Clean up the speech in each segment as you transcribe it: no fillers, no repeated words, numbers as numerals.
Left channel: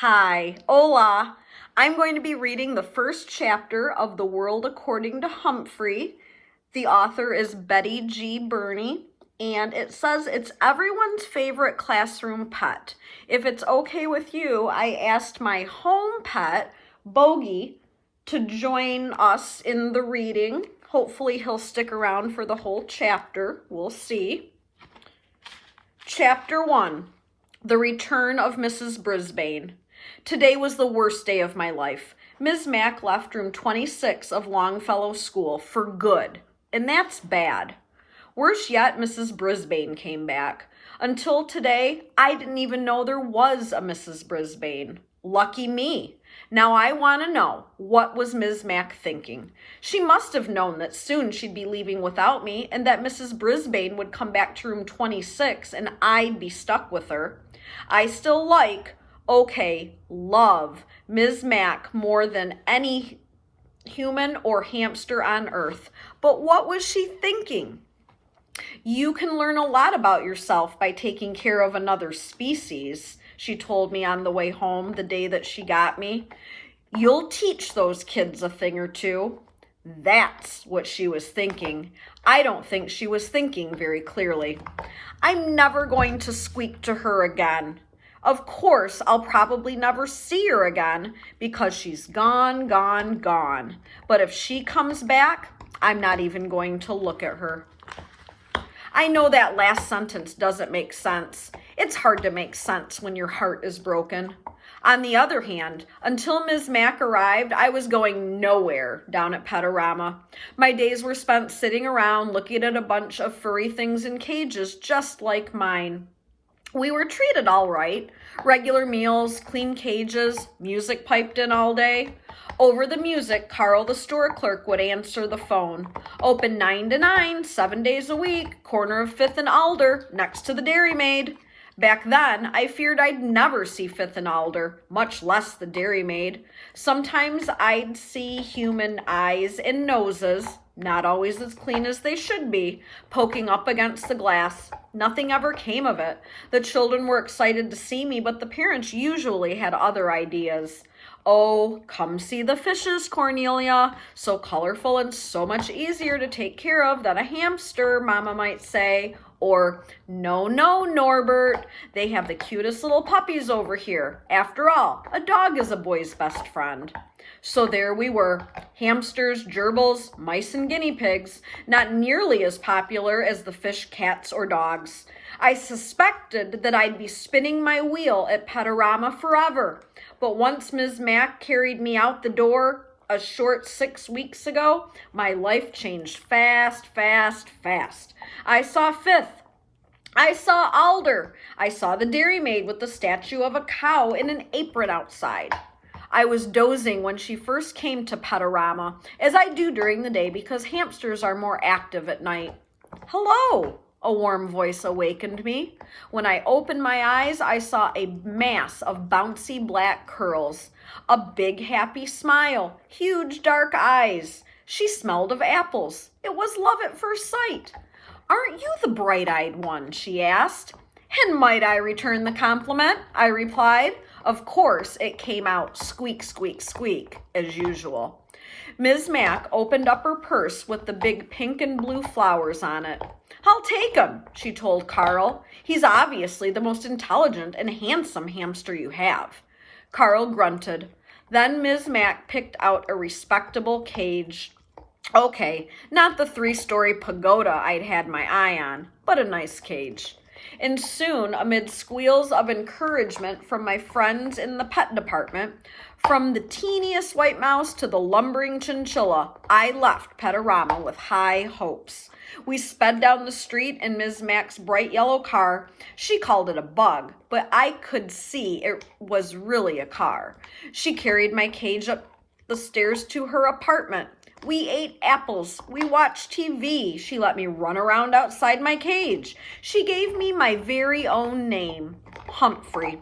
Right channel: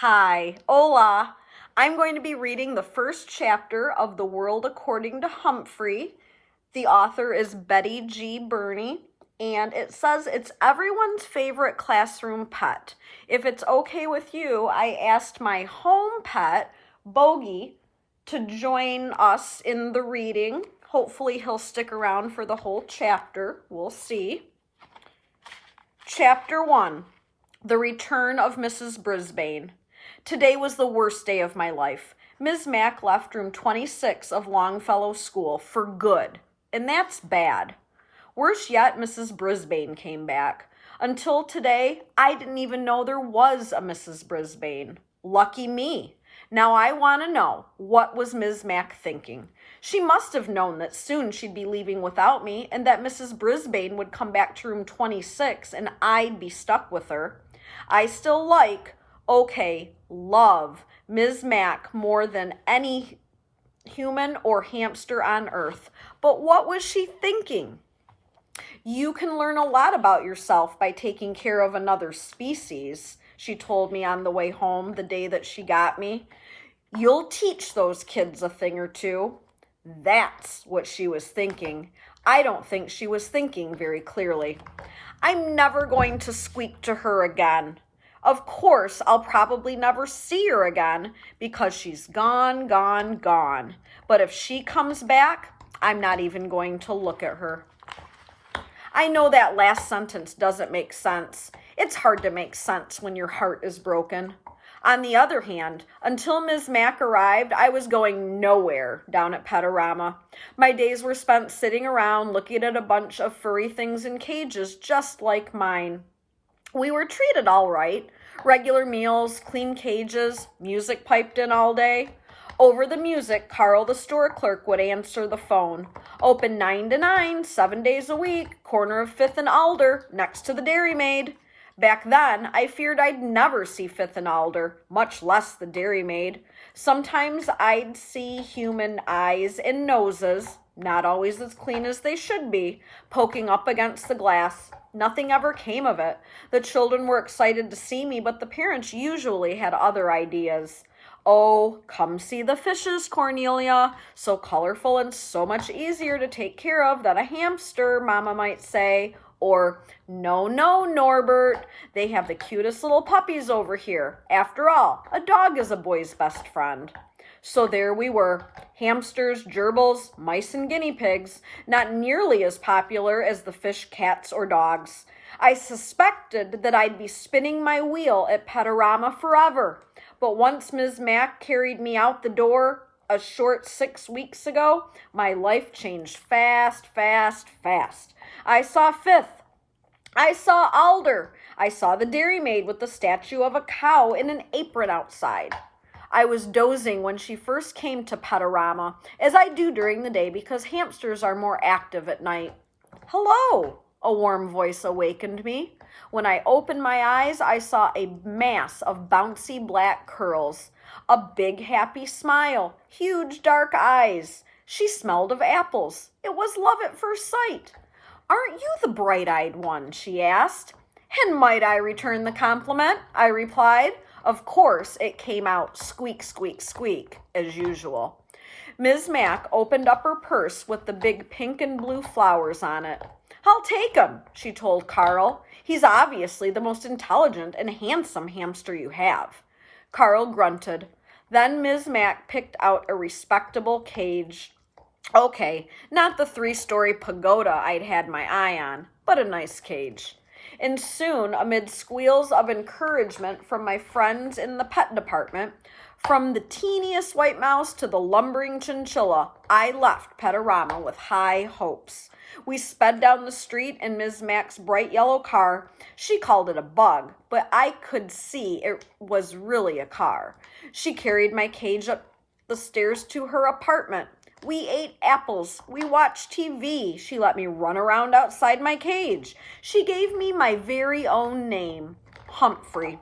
Hi, hola. I'm going to be reading the first chapter of The World According to Humphrey. The author is Betty G. Birney, and it says it's everyone's favorite classroom pet. If it's okay with you, I asked my home pet, Bogey, to join us in the reading. Hopefully he'll stick around for the whole chapter. We'll see. Chapter 1, The Return of Mrs. Brisbane. Today was the worst day of my life. Ms. Mack left room 26 of Longfellow School for good, and that's bad. Worse yet, Mrs. Brisbane came back. Until today, I didn't even know there was a Mrs. Brisbane. Lucky me. Now I want to know, what was Ms. Mack thinking? She must have known that soon she'd be leaving without me and that Mrs. Brisbane would come back to room 26 and I'd be stuck with her. I still love Ms. Mack more than any human or hamster on earth. But what was she thinking? You can learn a lot about yourself by taking care of another species, she told me on the way home the day that she got me. You'll teach those kids a thing or two. That's what she was thinking. I don't think she was thinking very clearly. I'm never going to squeak to her again. Of course, I'll probably never see her again because she's gone. But if she comes back, I'm not even going to look at her. I know that last sentence doesn't make sense. It's hard to make sense when your heart is broken. On the other hand, until Ms. Mack arrived, I was going nowhere down at Petorama. My days were spent sitting around looking at a bunch of furry things in cages just like mine. We were treated all right. Regular meals, clean cages, music piped in all day. Over the music, Carl, the store clerk, would answer the phone. Open 9 to 9, 7 days a week, corner of 5th and Alder, next to the Dairy Maid. Back then, I feared I'd never see 5th and Alder, much less the Dairy Maid. Sometimes I'd see human eyes and noses, not always as clean as they should be, poking up against the glass. Nothing ever came of it. The children were excited to see me, but the parents usually had other ideas. Oh, come see the fishes, Cornelia. So colorful and so much easier to take care of than a hamster, Mama might say. Or, no, Norbert. They have the cutest little puppies over here. After all, a dog is a boy's best friend. So there we were, hamsters, gerbils, mice, and guinea pigs, not nearly as popular as the fish, cats, or dogs. I suspected that I'd be spinning my wheel at Petorama forever. But once Ms. Mack carried me out the door a short 6 weeks ago, my life changed fast. I saw 5th. I saw Alder. I saw the Dairy Maid with the statue of a cow in an apron outside. I was dozing when she first came to Petorama, as I do during the day because hamsters are more active at night. Hello, a warm voice awakened me. When I opened my eyes, I saw a mass of bouncy black curls, a big happy smile, huge dark eyes. She smelled of apples. It was love at first sight. Aren't you the bright-eyed one? She asked. And might I return the compliment? I replied. Of course, it came out squeak, as usual. Ms. Mack opened up her purse with the big pink and blue flowers on it. I'll take him, she told Carl. He's obviously the most intelligent and handsome hamster you have. Carl grunted. Then Ms. Mack picked out a respectable cage. Okay, not the 3-story pagoda I'd had my eye on, but a nice cage. And soon, amid squeals of encouragement from my friends in the pet department, from the teeniest white mouse to the lumbering chinchilla, I left Petorama with high hopes. We sped down the street in Ms. Mack's bright yellow car. She called it a bug, but I could see it was really a car. She carried my cage up the stairs to her apartment. We ate apples. We watched TV. She let me run around outside my cage. She gave me my very own name, Humphrey.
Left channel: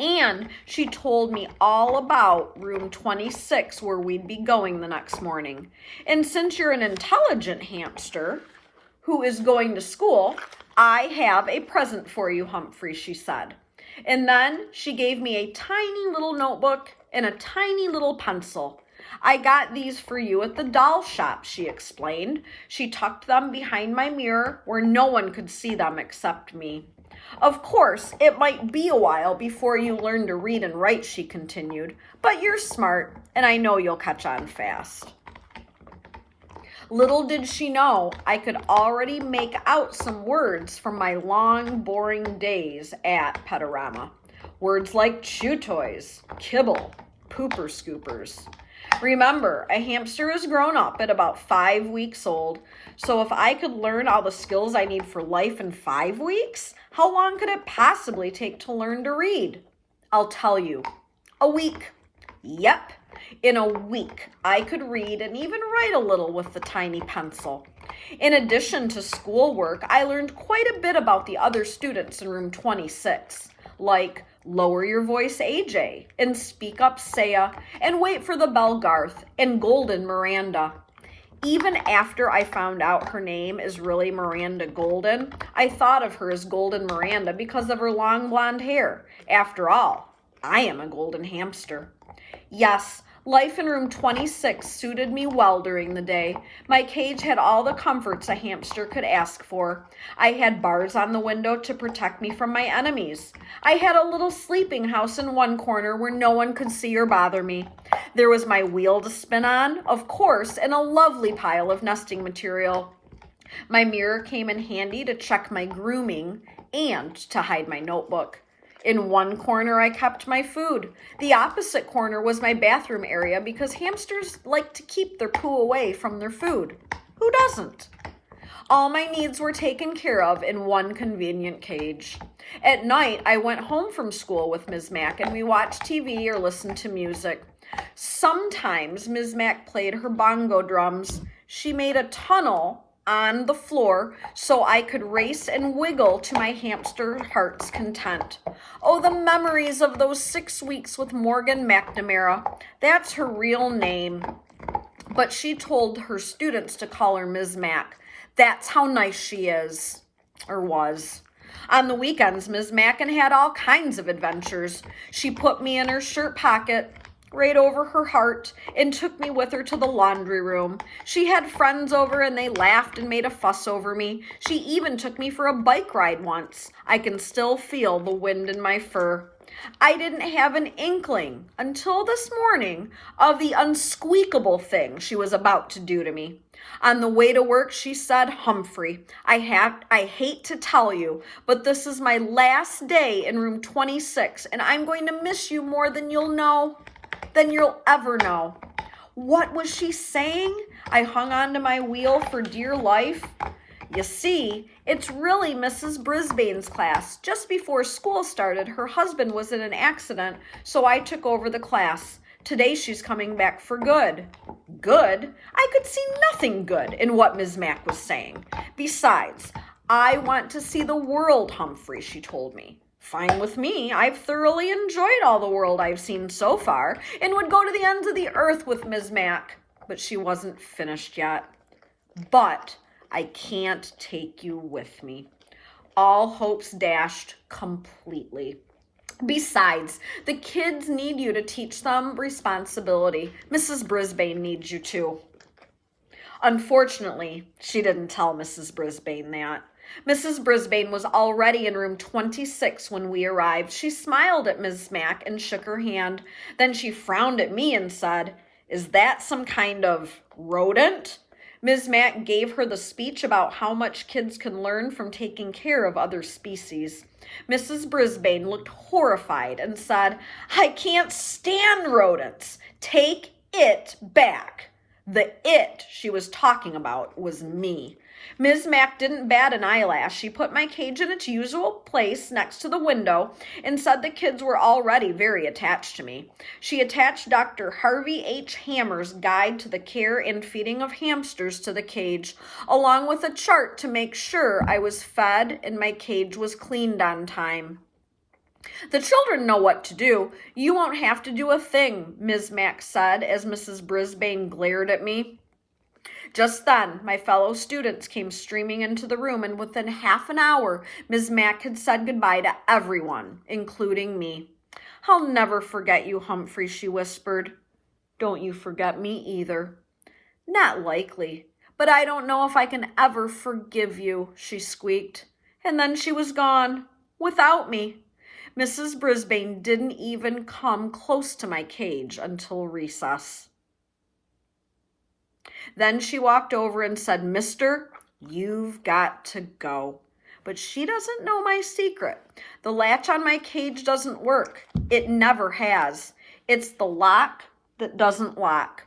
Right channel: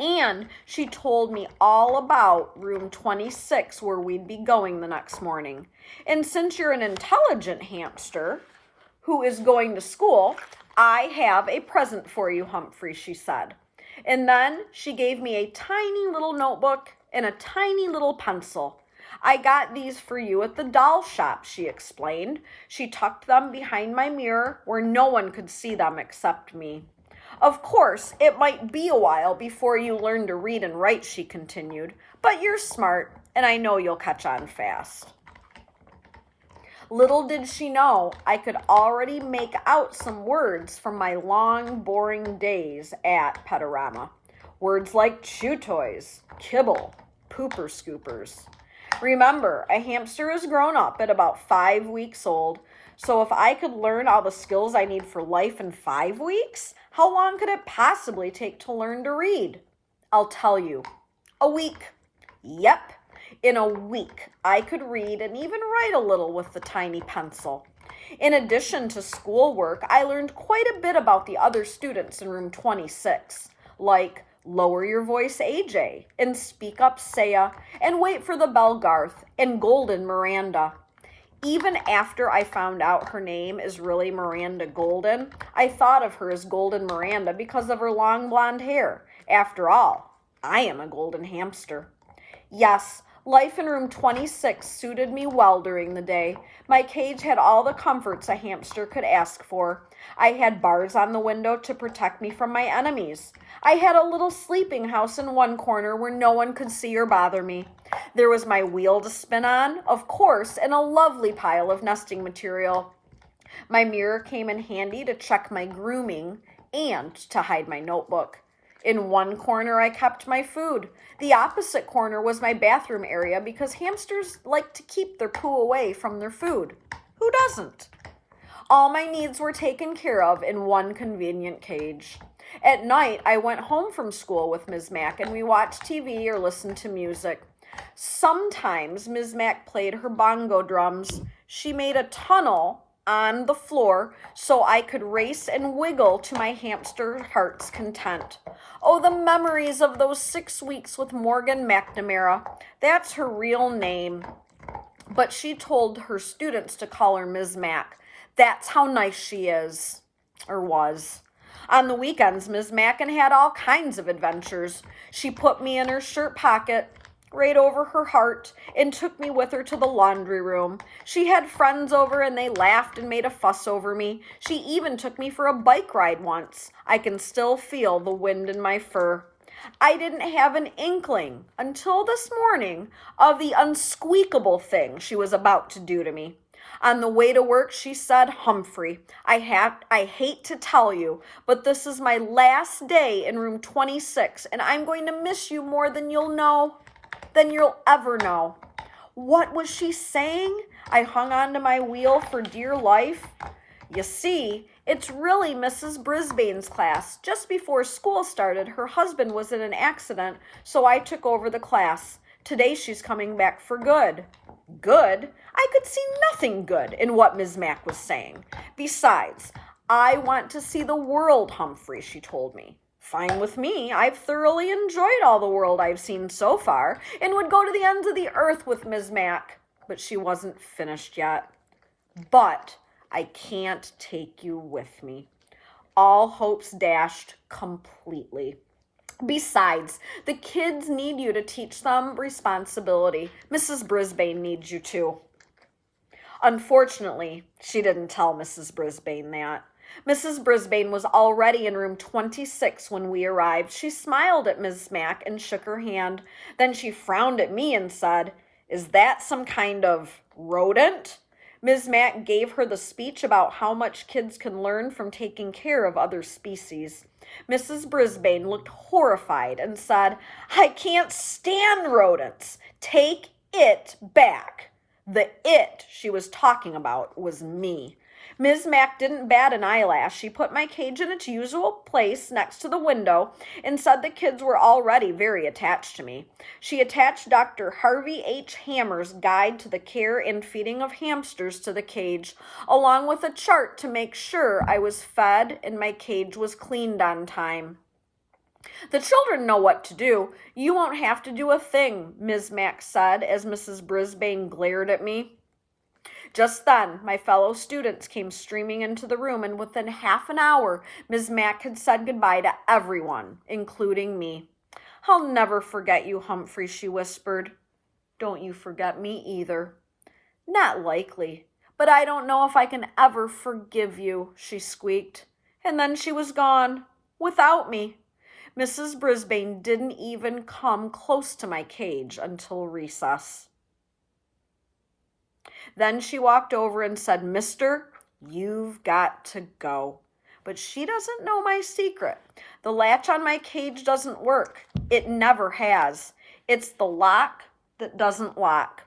And she told me all about room 26 where we'd be going the next morning. And since you're an intelligent hamster who is going to school, I have a present for you, Humphrey, she said. And then she gave me a tiny little notebook and a tiny little pencil. I got these for you at the doll shop, she explained. She tucked them behind my mirror where no one could see them except me. Of course, it might be a while before you learn to read and write, she continued, but you're smart, and I know you'll catch on fast. Little did she know, I could already make out some words from my long, boring days at Petorama. Words like chew toys, kibble, pooper scoopers. Remember, a hamster is grown up at about 5 weeks old, so if I could learn all the skills I need for life in 5 weeks, how long could it possibly take to learn to read? I'll tell you, a week. Yep, in a week, I could read and even write a little with the tiny pencil. In addition to schoolwork, I learned quite a bit about the other students in room 26, like lower your voice, AJ, and speak up, Saya, and wait for the bell, Garth, and golden Miranda. Even after I found out her name is really Miranda Golden, I thought of her as Golden Miranda because of her long blonde hair. After all, I am a golden hamster. Yes, life in room 26 suited me well during the day. My cage had all the comforts a hamster could ask for. I had bars on the window to protect me from my enemies. I had a little sleeping house in one corner where no one could see or bother me. There was my wheel to spin on, of course, and a lovely pile of nesting material. My mirror came in handy to check my grooming and to hide my notebook. In one corner, I kept my food. The opposite corner was my bathroom area because hamsters like to keep their poo away from their food. Who doesn't? All my needs were taken care of in one convenient cage. At night, I went home from school with Ms. Mack and we watched TV or listened to music. Sometimes Ms. Mack played her bongo drums. She made a tunnel on the floor so I could race and wiggle to my hamster heart's content. Oh, the memories of those 6 weeks with Morgan McNamara. That's her real name. But she told her students to call her Ms. Mack. That's how nice she is, or was. On the weekends, Ms. Mackin had all kinds of adventures. She put me in her shirt pocket, right over her heart, and took me with her to the laundry room. She had friends over and they laughed and made a fuss over me. She even took me for a bike ride once. I can still feel the wind in my fur. I didn't have an inkling until this morning of the unsqueakable thing she was about to do to me. On the way to work, she said, Humphrey, I hate to tell you, but this is my last day in room 26, and I'm going to miss you more than you'll ever know. What was she saying? I hung onto my wheel for dear life. You see, it's really Mrs. Brisbane's class. Just before school started, her husband was in an accident, so I took over the class. Today she's coming back for good. Good? I could see nothing good in what Ms. Mack was saying. Besides, I want to see the world, Humphrey, she told me. Fine with me. I've thoroughly enjoyed all the world I've seen so far and would go to the ends of the earth with Ms. Mack. But she wasn't finished yet. But I can't take you with me. All hopes dashed completely. Besides, the kids need you to teach them responsibility. Mrs. Brisbane needs you too. Unfortunately, she didn't tell Mrs. Brisbane that. Mrs. Brisbane was already in room 26 when we arrived. She smiled at Ms. Mack and shook her hand. Then she frowned at me and said, "Is that some kind of rodent?" Ms. Mack gave her the speech about how much kids can learn from taking care of other species. Mrs. Brisbane looked horrified and said, "I can't stand rodents. Take it back." The it she was talking about was me. Ms. Mack didn't bat an eyelash. She put my cage in its usual place next to the window and said the kids were already very attached to me. She attached Dr. Harvey H. Hammer's Guide to the Care and Feeding of Hamsters to the cage, along with a chart to make sure I was fed and my cage was cleaned on time. "The children know what to do. You won't have to do a thing," Ms. Mack said as Mrs. Brisbane glared at me. Just then, my fellow students came streaming into the room, and within half an hour, Ms. Mack had said goodbye to everyone, including me. "I'll never forget you, Humphrey," she whispered. "Don't you forget me either." "Not likely, but I don't know if I can ever forgive you," she squeaked. And then she was gone, without me. Mrs. Brisbane didn't even come close to my cage until recess. Then she walked over and said, "Mister, you've got to go." But she doesn't know my secret. The latch on my cage doesn't work. It never has. It's the lock that doesn't lock.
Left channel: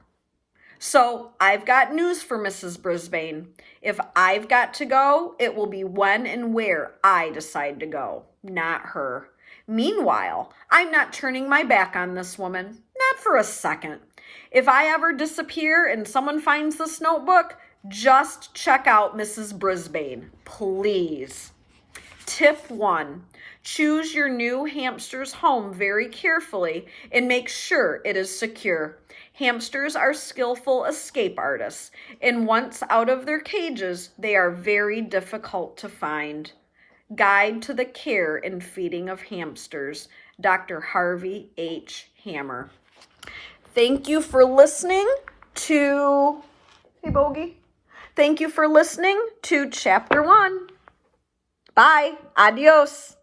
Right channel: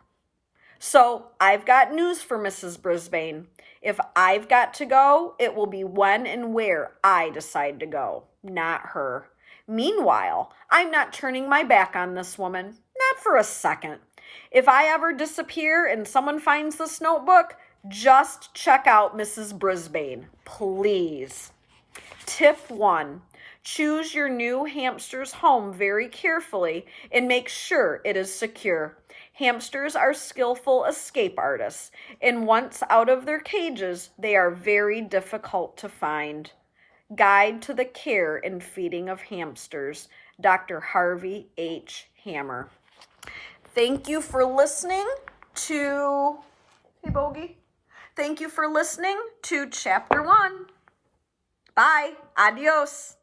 So I've got news for Mrs. Brisbane. If I've got to go, it will be when and where I decide to go, not her. Meanwhile, I'm not turning my back on this woman, not for a second. If I ever disappear and someone finds this notebook, just check out Mrs. Brisbane, please. Tip 1. Choose your new hamster's home very carefully and make sure it is secure. Hamsters are skillful escape artists, and once out of their cages, they are very difficult to find. Guide to the Care and Feeding of Hamsters, Dr. Harvey H. Hammer. Thank you for listening to, hey Bogey, thank you for listening to Chapter 1. Bye. Adios.